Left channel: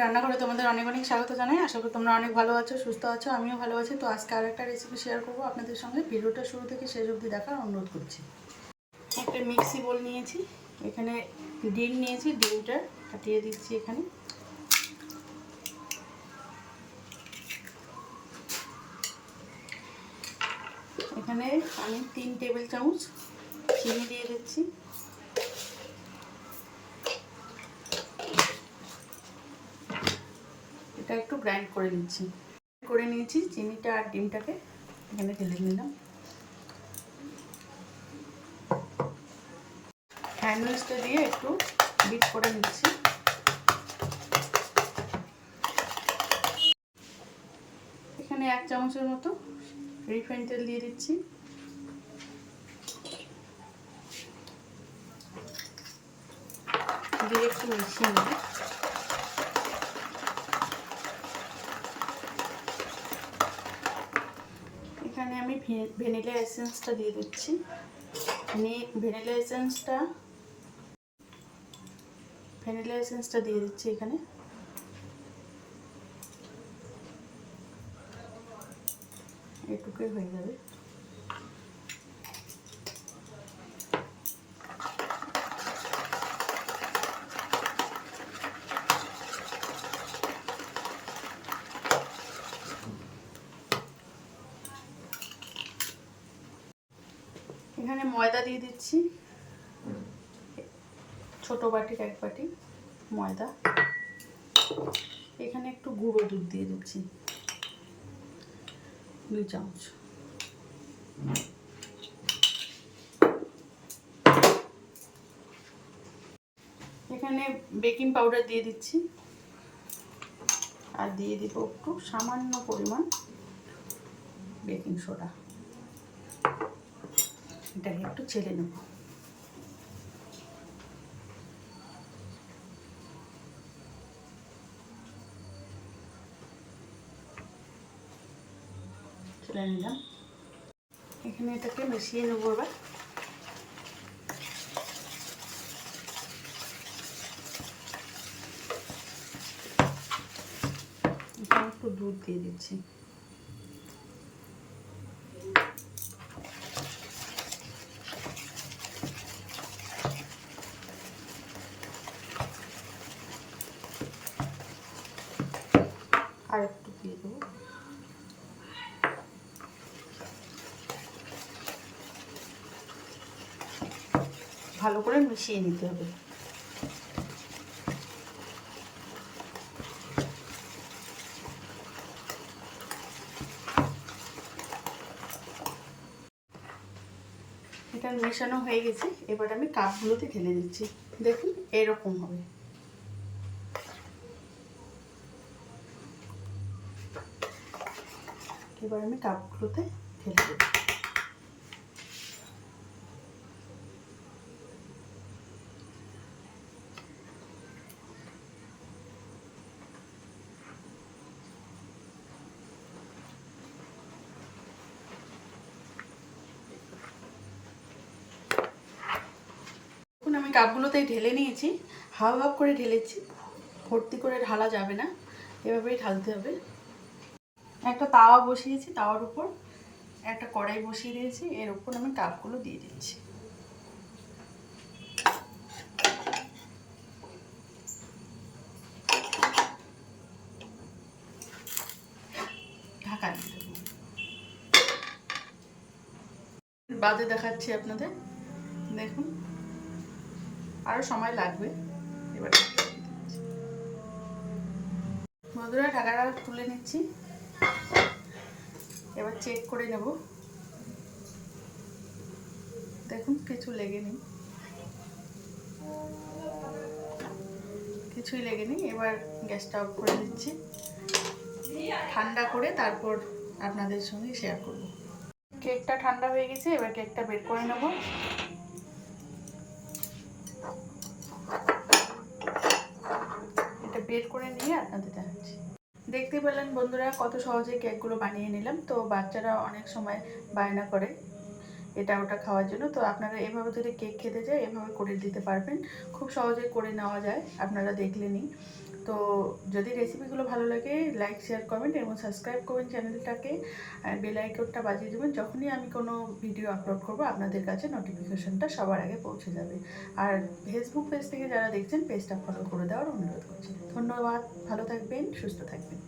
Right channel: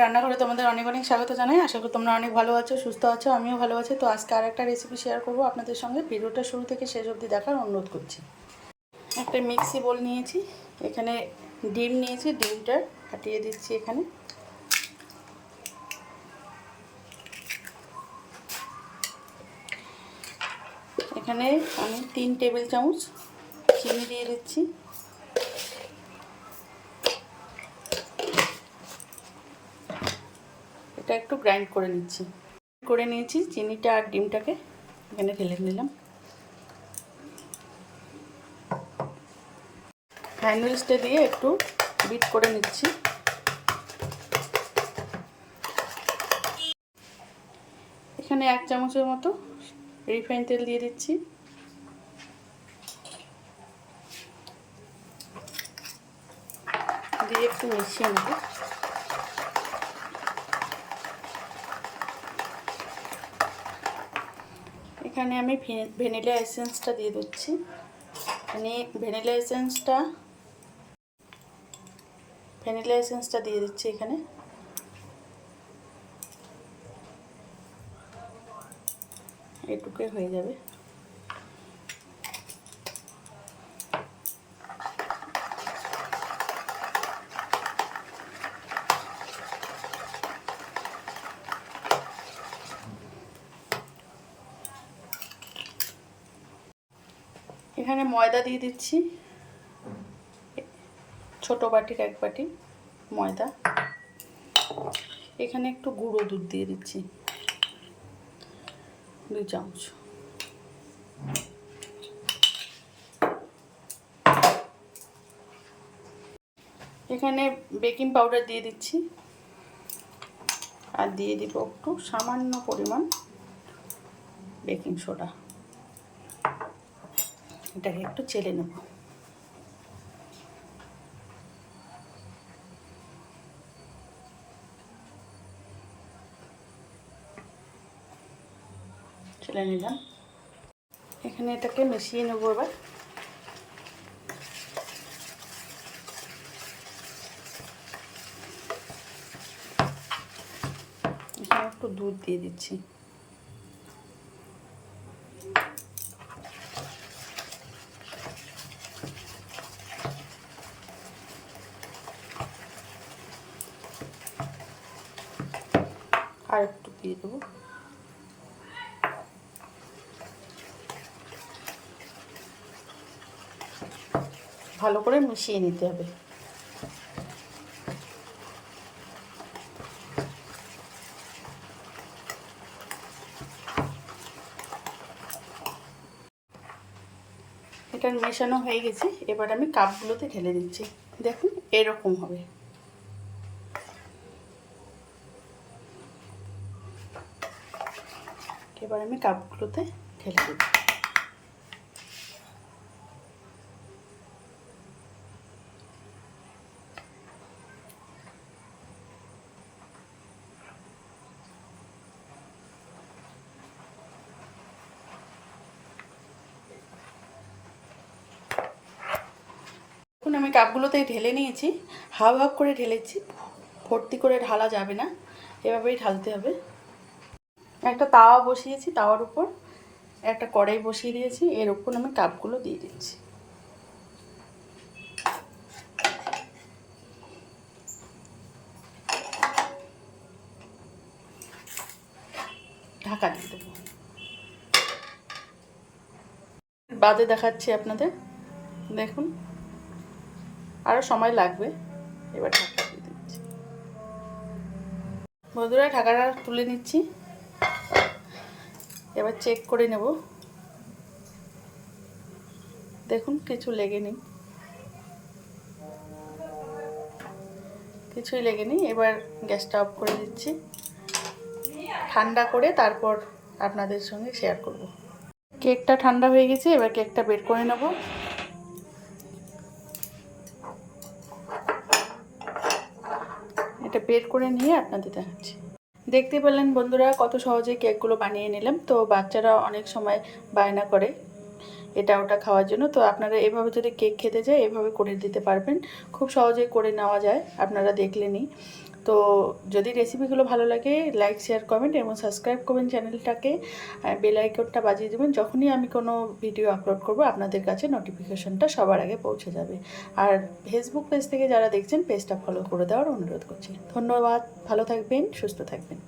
রান্নাঘরে তোমাদের অনেক অনেক স্বাগত জানাই। আশা করি তোমরা অনেক ভালো আছো, সুস্থ আছো, আমিও ভালো আছি। তো আজকে আরেকটা রেসিপি শেয়ার করবো আপনাদের সঙ্গে। ভিডিওটা শুরু থেকে শেষ অবধি দেখার অনুরোধ করছি। একটা মিক্সি বোল নিয়েছি, এখানে ডিম নিয়েছি, ডিমটা ফাটিয়ে দিচ্ছি। এখানে আমি 3 টেবিল চামচ চিনি দিয়ে দিচ্ছি। এটা একটু গ্রাইন্ড করে নিয়েছি চিনিটা আর ডিমটাকে এখানে ঢেলে নিলাম। হ্যান্ড উইস্কটা দিয়ে একটু বিট করে নিচ্ছি। এখানে 1 চামচের মতো রিফাইন তেল দিয়ে দিচ্ছি। দিয়ে একটু মিশিয়ে নেব। এখানে আমি ভ্যানিলা এসেন্সটা দিয়ে দিচ্ছি। ভ্যানিলা এসেন্সটা দিয়ে দিচ্ছি এখানে। এটুকুই হয়ে যাবে। এখানে ময়দা দিয়ে দিচ্ছি, ছোট বাটির 1 বাটি ময়দা। এখানে একটু গুঁড়ো দুধ দিয়ে দিচ্ছি, 2 চামচ। এখানে বেকিং পাউডার দিয়ে দিচ্ছি, আর দিয়ে দিব একটু সামান্য পরিমাণ বেকিং সোডা। এটাকে একটু চেলে নেব। চেলে নিলাম। এখানে এটাকে মিশিয়ে নেব। এবার এখানে একটু দুধ দিয়ে দিচ্ছি। আর একটু দিয়ে দেবো। ভালো করে মিশিয়ে নিতে হবে। এটা মেশানো হয়ে গেছে। এবার আমি কাপগুলোতে ঢেলে দিচ্ছি। দেখুন এরকম হবে। এবার আমি কাপগুলোতে ঢেলে দেব। এখন আমি কাপগুলোতে ঢেলে নিয়েছি। হাফ হাফ করে ঢেলেছি, ভর্তি করে ঢালা যাবে না, এভাবেই ঢালতে হবে। একটা তাওয়া বসিয়েছি, তাওয়ার উপর একটা কড়াই বসিয়ে দিয়েছি। এর উপর আমি কাপগুলো দিয়ে দিচ্ছি। ঢাকা দিয়ে দেবো। বাদে দেখাচ্ছি আপনাদের। দেখুন আরও সময় লাগবে। এবার ঢাকা দিয়ে দিচ্ছি। বন্ধুরা ঢাকাটা তুলে নিচ্ছি। এবার চেক করে নেব। দেখুন কিছু লেগে নেই, কিছুই লেগে নেই। এবার গ্যাসটা অফ করে দিচ্ছি। ঠান্ডা করে তারপর আপনাদের সঙ্গে শেয়ার করব। কেকটা ঠান্ডা হয়ে গেছে। এবার কেকটা বের করে নেব। এটা বের করে নিয়ে আপনাদের দেখাচ্ছি। দেখতে পেলেন বন্ধুরা কত সহজে কেকগুলো বানিয়ে নিলাম। তো বাচ্চারা অনেক সময় বায়না করে এটা ওটা খাওয়ার জন্য। তো আপনারা এভাবে যদি কেক খেতে চায় এভাবে করে দিতে পারবেন। খুব সহজে করে নেওয়া যায়, আপনারা দেখলেনই। তো যদি রেসিপিগুলো ভালো লাগে লাইক শেয়ার কমেন্ট এবং সাবস্ক্রাইব করবেন চ্যানেলটাকে, বেল আইকনটা বাজিয়ে দেবেন। যখনই আমি কোনো ভিডিও আপলোড করব আপনাদের কাছে নোটিফিকেশনটা সবার আগে পৌঁছে যাবে। আর ফেসবুক পেজ থেকে যারা দেখছেন পেজটা ফলো করে দেওয়ার অনুরোধ করছি। ধন্যবাদ, ভালো থাকবেন, সুস্থ থাকবেন।